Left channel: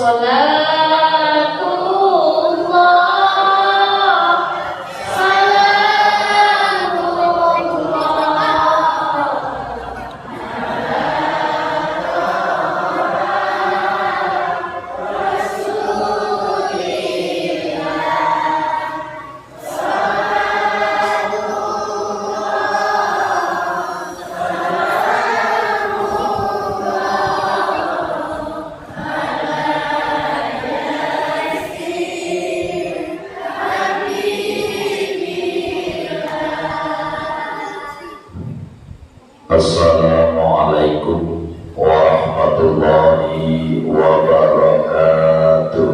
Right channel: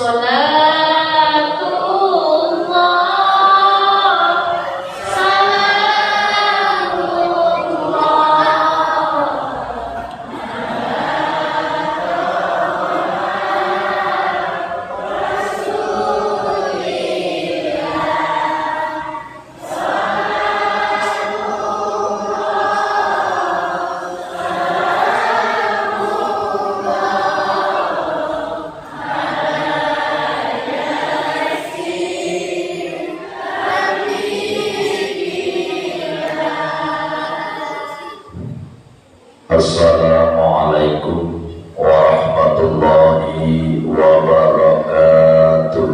Assalamualaikum warahmatullahi wabarakatuh.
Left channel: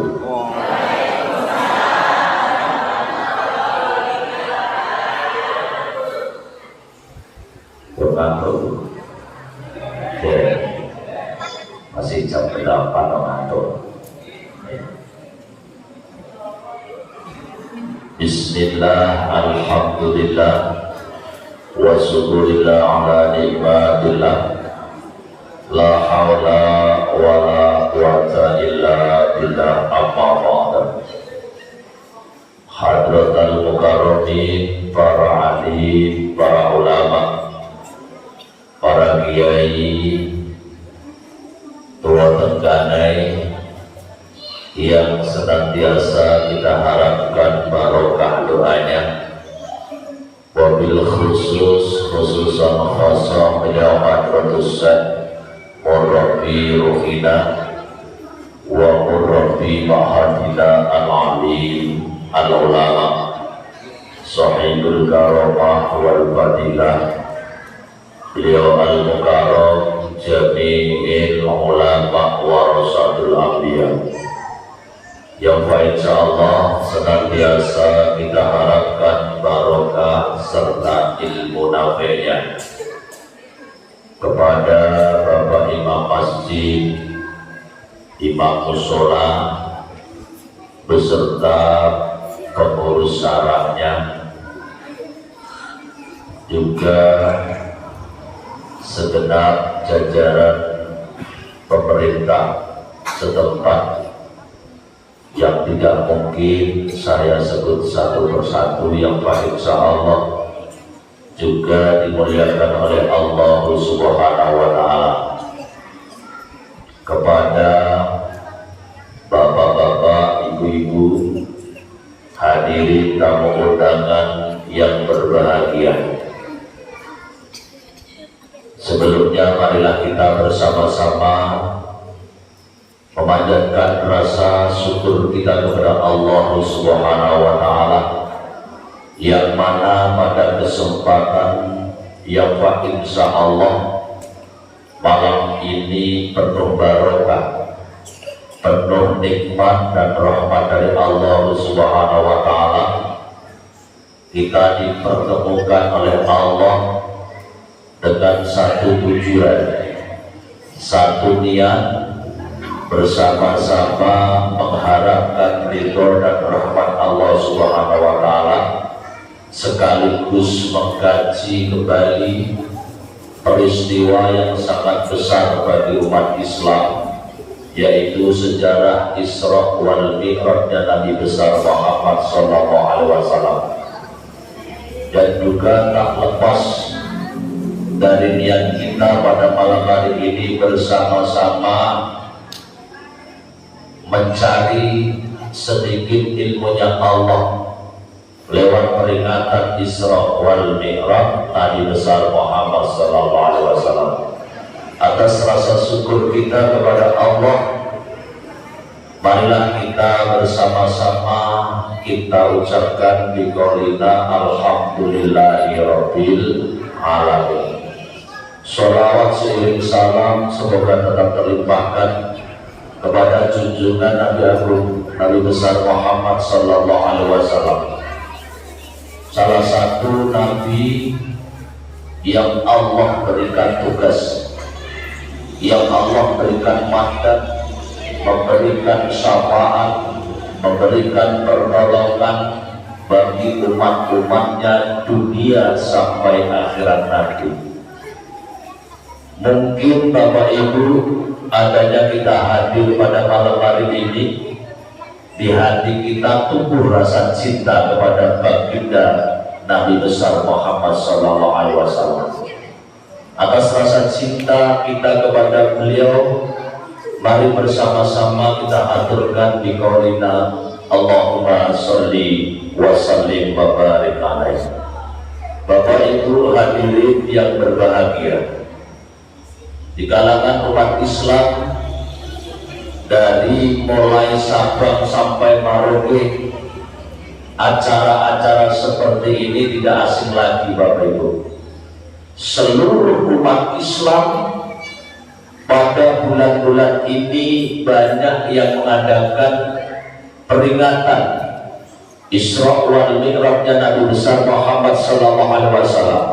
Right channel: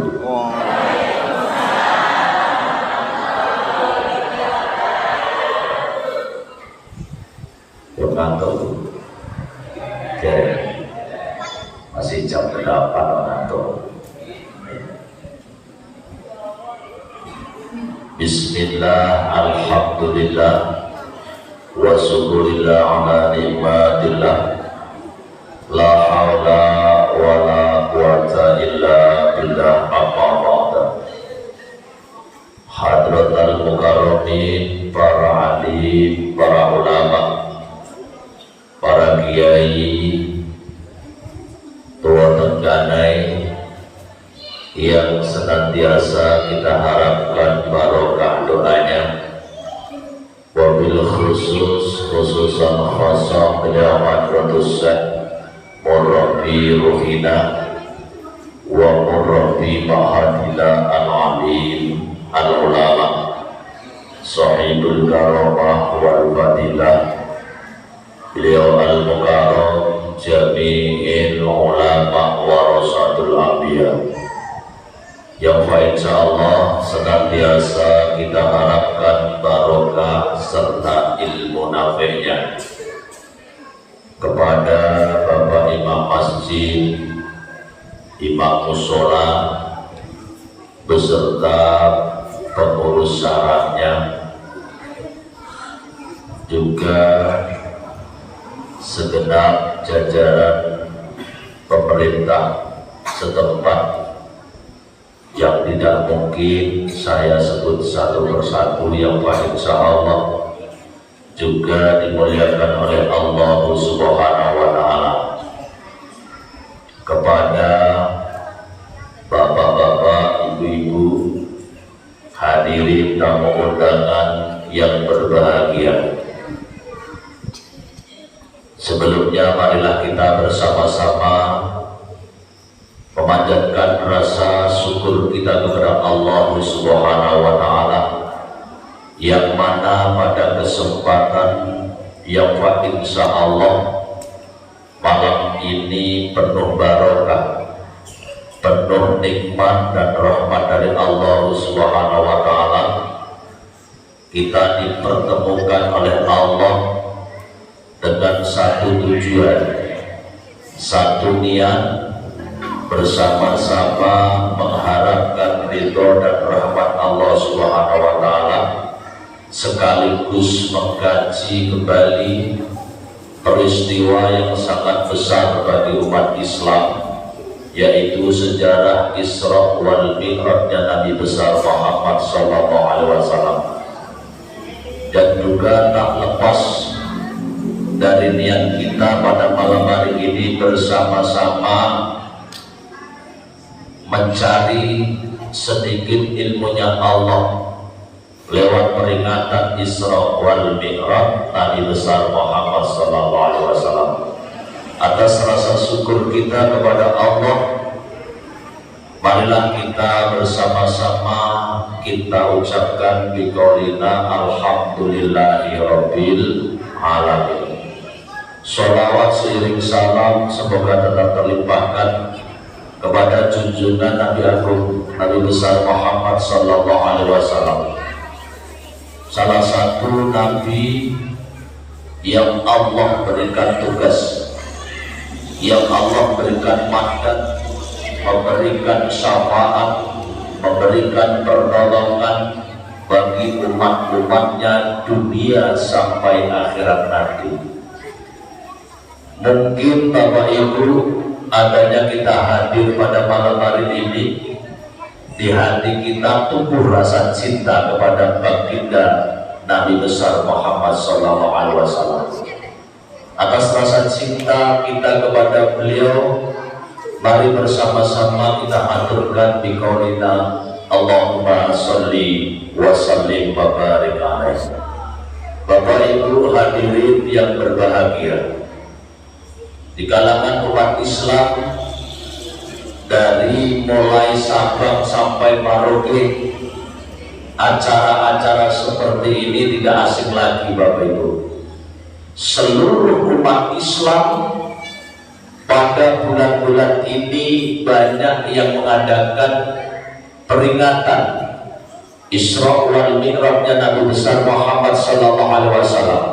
Bermantul masih jam 8 bermantul. Bismillah, alhamdulillah, wa syukurillah ala nikmatillah, la hawla wa la quwwata illa billah, amma ba'da. Hadratal mukarramin, para alim, para ulama, para kiai, tua tengganai yang senantiasa kita harapkan barokah doanya, wabil khususan khasam beliau Hadratus Syekh Murabbi Ruhina wa Murabbi Mahadila Al-Alim Al-Ulama Sahibul Karamah wal Fadilah, beliau Al-Mukarram Jami'il Ulama Warasatul Anbiya, yang insyaallah senantiasa kita harapkan barokah serta ilmu nafi'nya. Kepada Bapak Imam Masjid, Imam Mushola, beserta pengurus syarahnya, juga segenap jajaran pemerintah setempat yang tidak mungkin saya sebut satu persatu, yang insyaallah juga dimuliakan oleh Allah Subhanahu wa Ta'ala. Kepada bapak-bapak, ibu-ibu, hadirin tamu undangan yang berbahagia, sebelumnya marilah kita bersama-sama memanjatkan rasa syukur kita kepada Allah Subhanahu wa Ta'ala, yang mana pada kesempatan yang insyaallah malam ini penuh barokah, penuh nikmat dan rahmat dari Allah Subhanahu wa Ta'ala, kita dipertemukan oleh Allah dengan satu tujuan, satu niat, bersama-sama mengharapkan ridho dan rahmat Allah Subhanahu wa Ta'ala, sekaligus mengkaji kembali peristiwa yang sangat besar bagi umat Islam, yaitu sejarah Isra wal Mi'rajnya Nabi besar Muhammad sallallahu alaihi wasallam. Dan juga tak lepas dari niat kita pada malam hari ini bersama-sama mencari sedikit ilmunya Allah lewat peringatan Isra wal Mi'raj Nabi besar Muhammad sallallahu alaihi wasallam. Atas rasa syukur kita kepada Allah, marilah kita bersama-sama kita ucapkan biqaulina alhamdulillahi rabbil alamin. Sholawat seiring salam semoga tetap terlimpahkan kepada junjungan Nabi Agung Nabi besar Muhammad sallallahu alaihi wasallam, salah satu nabi yang Allah berikan tugas, yang Allah berikan mandat, memberikan syafaat, memberikan pertolongan bagi umat-umatnya dunia sampai akhirat nanti. Mungkin Bapak Ibu adanya kita hadir pada malam hari ini, di hati kita tumbuh rasa cinta kepada baginda Nabi besar Muhammad Sallallahu Alaihi Wasallam. Atas rasa cinta kita kepada beliau, mari bersama-sama kita aturkan di qaulina Allahumma sholli wa sallim wa barik alaihi. Bapak Ibu hadirin yang berbahagia, di kalangan umat Islam dari mulai Sabang sampai Merauke, acara-acara seperti ini tidak asing lagi Bapak Ibu. Seluruh umat Islam pada bulan-bulan ini banyak yang mengadakan peringatan Isra wal Mi'rajnya Nabi besar Muhammad Sallallahu Alaihi Wasallam.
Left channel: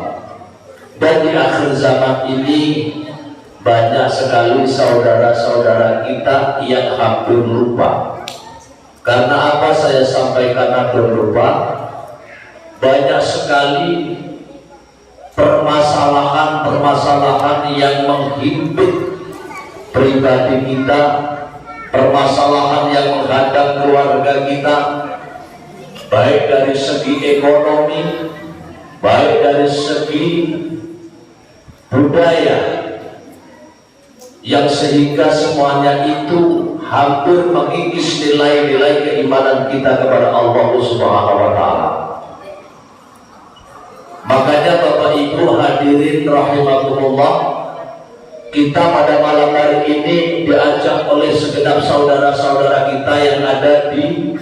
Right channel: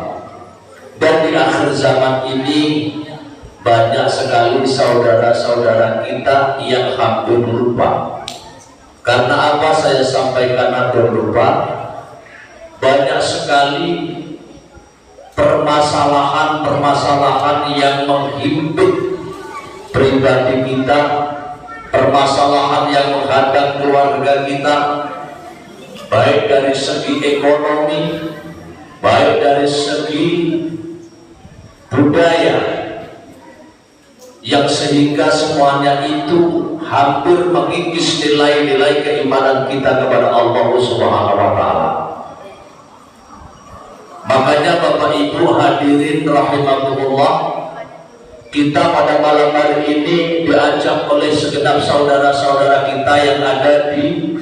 Dan di akhir zaman ini banyak sekali saudara-saudara kita yang hampir lupa. Karena apa saya sampaikan hampir lupa? Banyak sekali permasalahan-permasalahan yang menghimpit pribadi kita, permasalahan yang menghadang keluarga kita, baik dari segi ekonomi, baik dari segi budaya, yang sehingga semuanya itu hampir mengikis nilai-nilai keimanan kita kepada Allah Subhanahu wa Ta'ala. Makanya Bapak Ibu hadirin rahimakumullah, kita pada malam hari ini diajak oleh segenap saudara-saudara kita yang ada di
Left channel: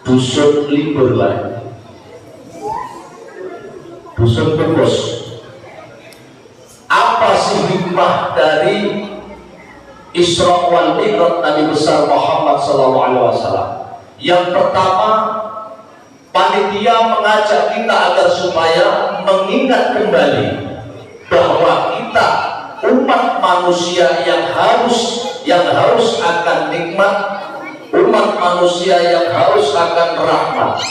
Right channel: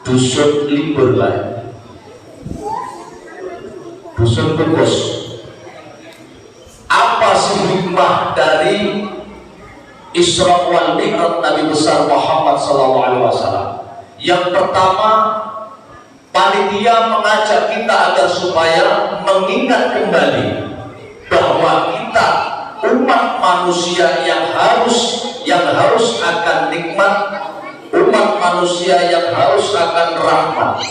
Dusun Limburlan, Dusun Kukus. Apa sih hikmah dari Isra wal Mi'raj Nabi besar Muhammad Sallallahu Alaihi Wasallam? Yang pertama, panitia mengajak kita agar supaya mengingat kembali bahwa kita umat manusia yang harus akan nikmat, umat manusia yang harus akan rahmat,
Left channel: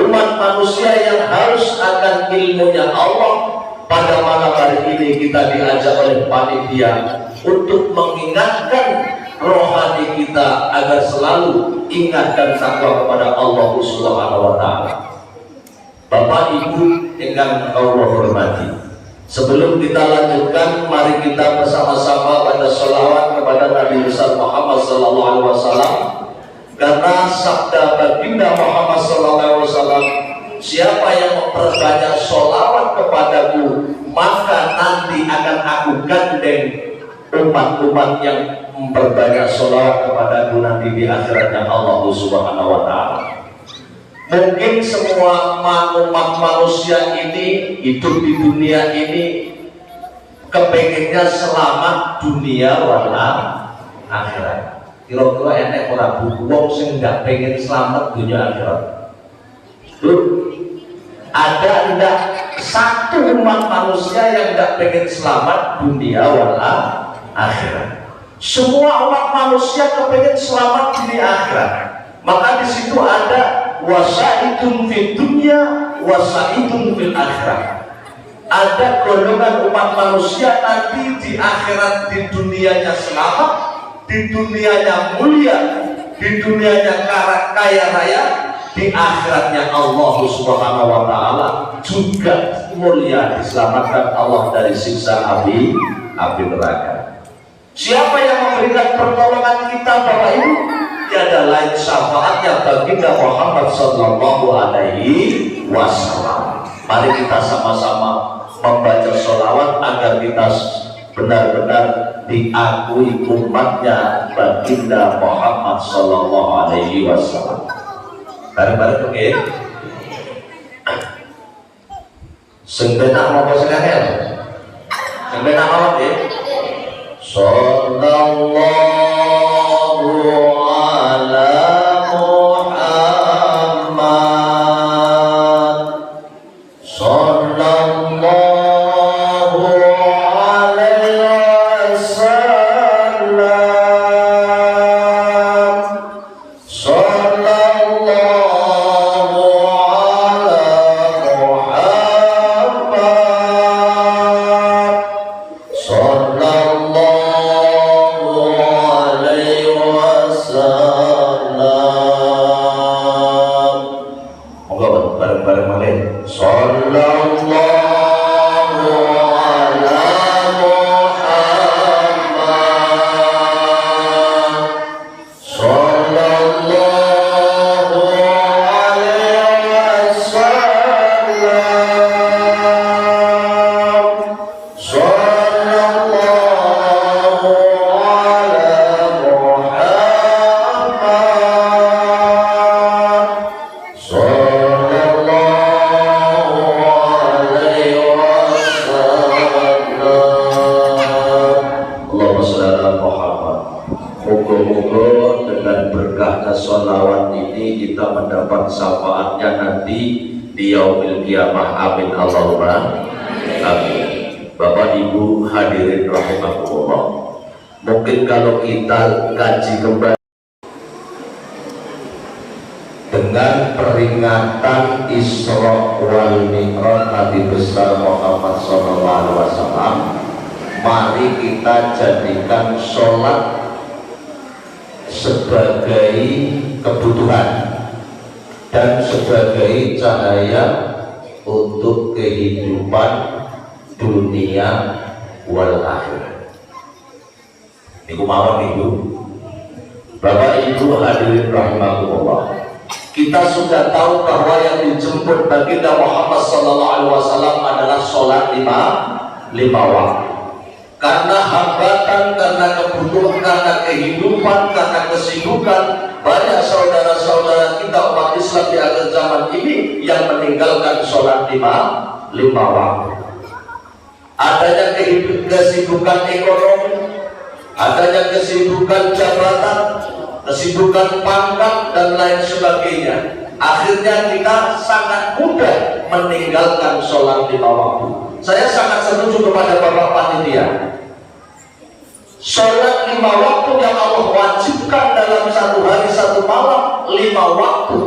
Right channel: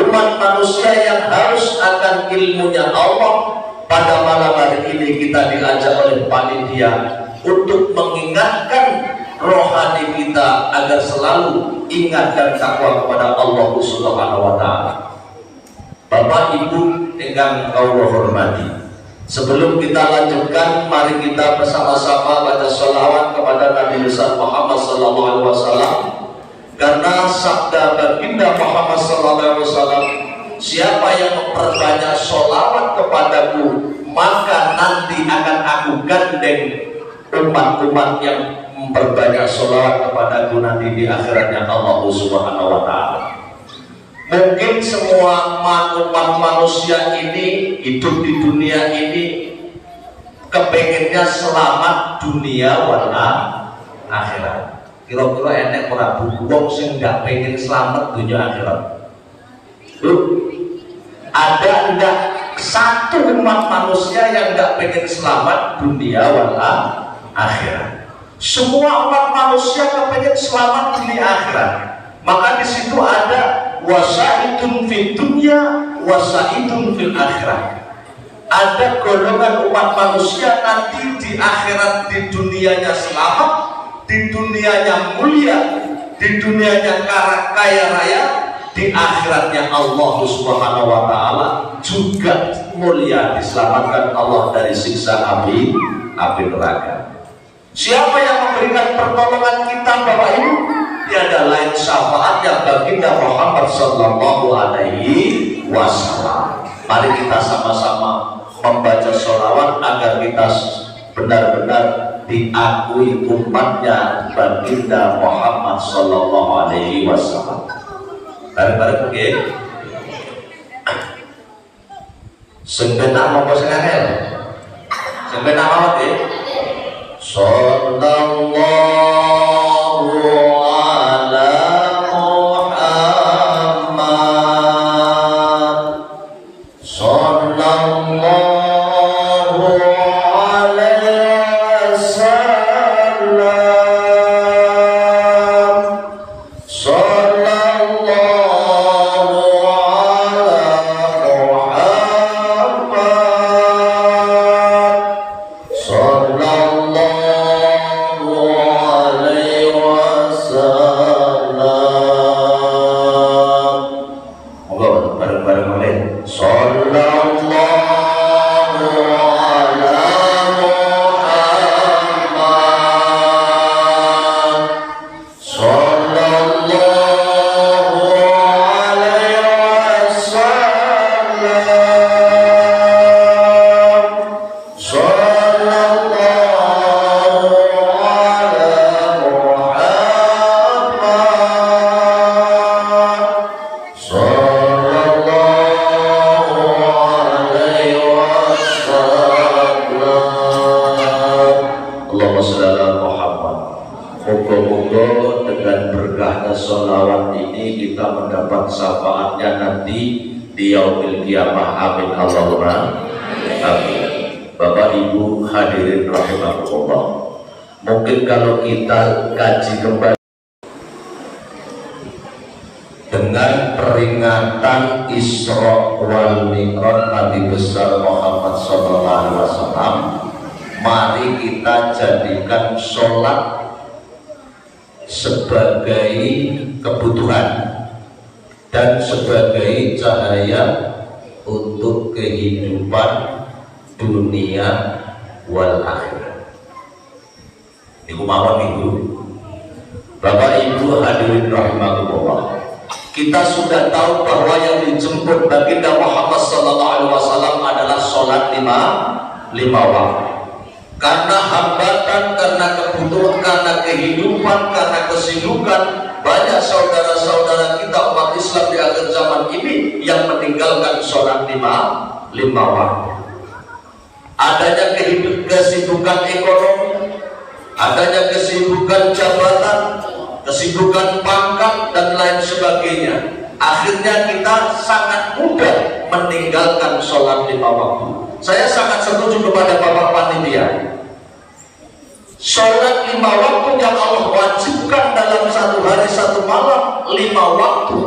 umat manusia yang harus akan ilmunya Allah. Pada malam hari ini kita diajak oleh panitia untuk mengingatkan rohani kita agar selalu ingat dan takwa kepada Allah Subhanahu wa Ta'ala. Bapak Ibu yang Allah hormati, sebelum kita lanjutkan, mari kita bersama-sama baca sholawat kepada Nabi besar Muhammad Sallallahu Alaihi Wasallam. Karena sabda baginda Muhammad Sallallahu Alaihi Wasallam, siapa yang memperbanyak sholawat kepadaku, maka nanti akan aku gandeng umat-umat yang memperbanyak sholawat kepadaku nanti di akhiratnya Allah Subhanahu wa Ta'ala. Mungkin semua umat manusia ini hidup di dunia ini kepengennya selamat dunia wal akhirat. Kira-kira enek ora wong sing nggak pengen selamat dunia akhirat? Ada enggak satu umat manusia yang enggak pengen selamat dunia wal akhirat? Semua umat manusia kepengen selamat dunia akhirat. Maka di situ ada wasaitun fid dunya, wasaitun fil akhirat. Ada golongan umat manusia nanti di akhirat, di dunianya selamat, di dunianya mulia, di dunianya kaya raya, di akhiratnya Allah Subhanahu wa Ta'ala juga mulia, diselamatkan Allah dari siksa api neraka. Siapa yang memberikan pertolongan kita Bapak Ibu? Tiada lain syafaatnya baginda Muhammad Sallallahu Alaihi Wasallam. Mari kita sama-sama membaca sholawat agar kita benar-benar diakui umatnya baginda Muhammad Sallallahu Alaihi Wasallam. Bareng-bareng oke? Sebentar mau bersengaja? Sebentar mau oke? Sallallahu ala Muhammad, sallallahu alaihi wasallam, sallallahu ala Muhammad, sallallahu Moga-moga dengan berkahnya sholawat ini kita mendapat syafaatnya nanti di yaumil kiamah. Amin Allahumma amin. Bapak Ibu hadirin rahimakumullah, mungkin kalau kita kaji kembali dengan peringatan Isra wal Mi'raj Nabi besar Muhammad SAW, mari kita jadikan sholat sebagai kebutuhan dan sebagai cahaya untuk kehidupan dunia wal akhirah. Ibu mawon Ibu, Bapak Ibu hadirin rahimakumullah, kita sudah tahu bahwa yang dijemput baginda Muhammad SAW adalah sholat lima waktu. Karena hambatan, karena kebutuhan, karena kehidupan, karena kesibukan, banyak saudara-saudara kita umat Islam di akhir zaman ini yang meninggalkan sholat lima waktu. Adanya kesibukan ekonomi, adanya kesibukan jabatan, kesibukan pangkat dan lain sebagainya. Akhirnya kita sangat mudah meninggalkan sholat lima waktu. Saya sangat setuju kepada Bapak Panitia. Sholat lima waktu yang Allah wajibkan dalam satu hari satu malam, 5 waktu,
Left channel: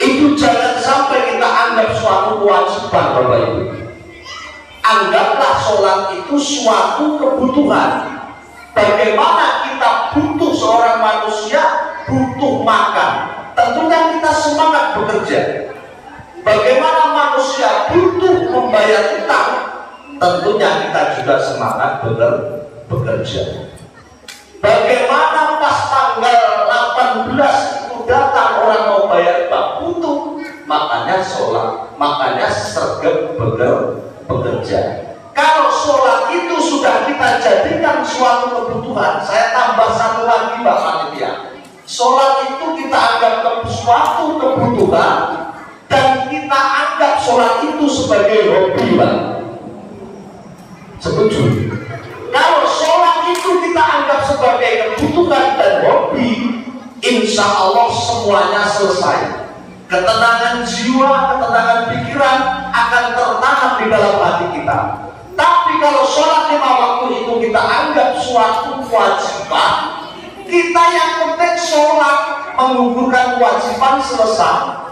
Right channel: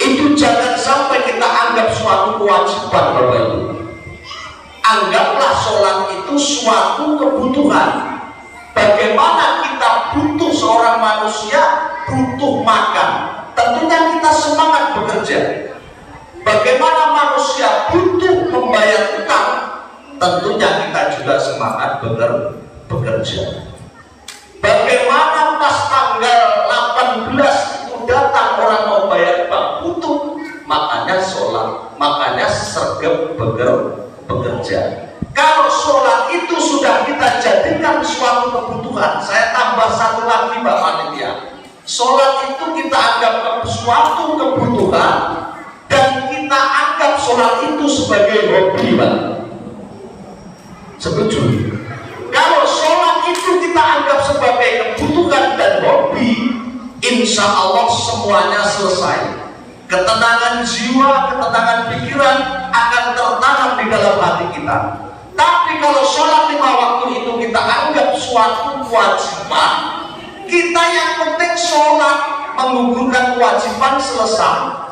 itu jangan sampai kita anggap suatu kewajiban, Bapak Ibu. Anggaplah sholat itu suatu kebutuhan. Bagaimana kita butuh, seorang manusia butuh makan, tentunya kita semangat bekerja. Bagaimana manusia butuh membayar utang, tentunya kita juga semangat bekerja. Bagaimana pas tanggal 18 itu datang orang mau bayar utang, butuh, makanya sholat, makanya sergap bekerja. Kalau sholat itu sudah kita jadikan suatu kebutuhan, saya tambah satu lagi Mbak Panitia, sholat itu kita anggap suatu kebutuhan dan kita anggap sholat itu sebagai hobi, Pak. Setuju? Kalau sholat itu kita anggap sebagai kebutuhan dan hobi, insya Allah semuanya selesai. Ketenangan jiwa, ketenangan pikiran akan tertanam di dalam hati kita. Tapi kalau sholat 5 waktu itu kita anggap suatu kewajiban, kita yang penting sholat, menggugurkan kewajiban, selesai.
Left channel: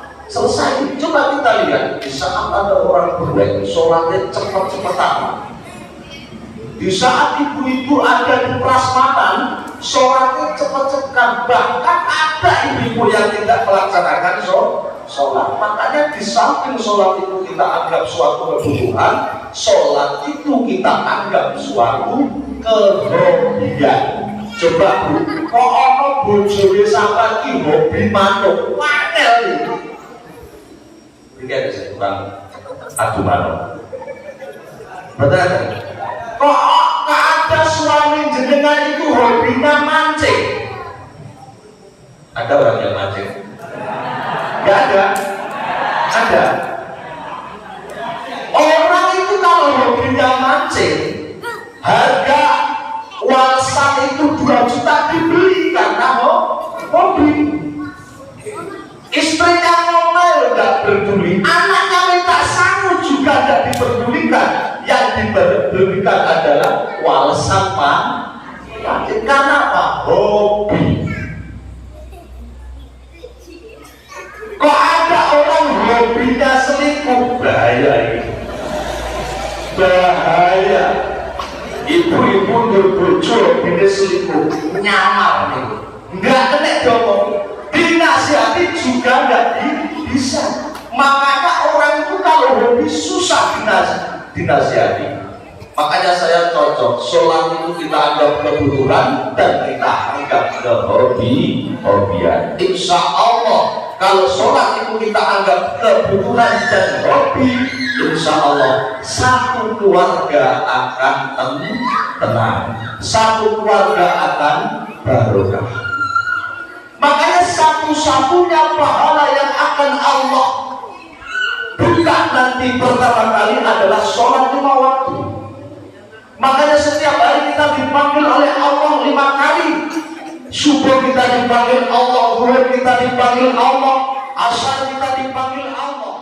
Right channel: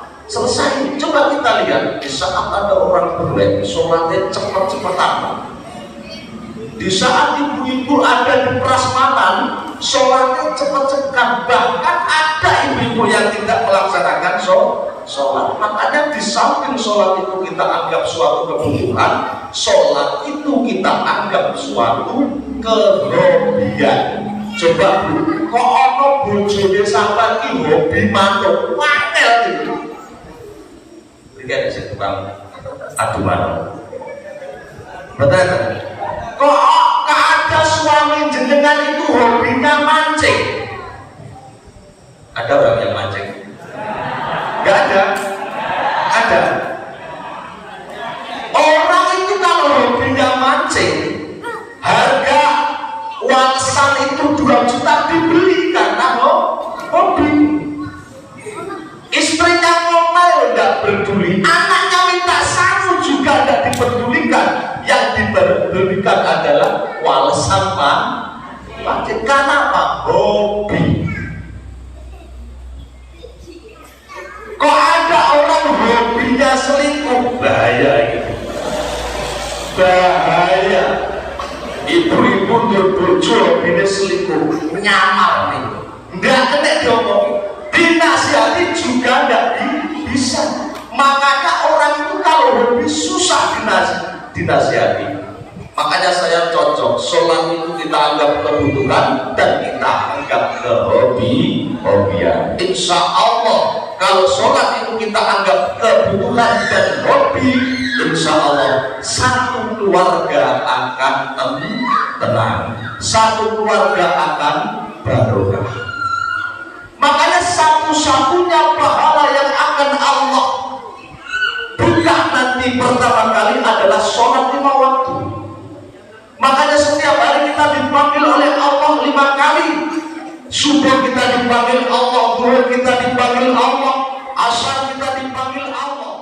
Coba kita lihat, di saat ada orang berlek, sholatnya cepat-cepatan. Di saat ibu-ibu ada di prasmanan, sholatnya cepat-cepat. Bahkan ada ibu-ibu yang tidak melaksanakan sholat. Makanya di samping sholat itu kita anggap suatu kebutuhan, sholat itu kita anggap suatu kehobian. Coba Bu, kok ono bojone sampean ki hobi manuk, wangel itu. Iki ada sing tukang adu manuk. Betul? Kok ada suami jenengan itu hobinya mancing? Ada orang yang mancing? Gak ada? Ada. Orang itu kalau hobinya mancing, harga walsan itu 2 juta dibeli karena hobi. Istrinya ngomel gak peduli, anaknya minta sangu juga gak dipedulikan. Yang diberikan adalah walsan mancing. Karena apa? Hobi. Kok ada orang hobinya selingkuh? Bahaya gitu. Bahaya. Ibu-ibu berbojo hobinya selingkuh, nyamar nih. Nggak kena diomong, dinasihati juga nggak bisa. Makanya orang itu kalau hobi susah dinasihati. Makanya saya cocok, sholat itu kita anggap kebutuhan dan kita anggap kehobian. Insya Allah kalau sholat itu kita anggap kebutuhan dan hobi, insya Allah satu keluarga akan tenang, satu keluarga akan barokah. Makanya satu-satunya pahala yang akan Allah buka nanti pertama kali adalah sholat 5 waktu. Makanya setiap hari kita dipanggil oleh Allah 5 kali. subuh kita dipanggil Allah, zuhur kita dipanggil Allah, asar kita dipanggil Allah.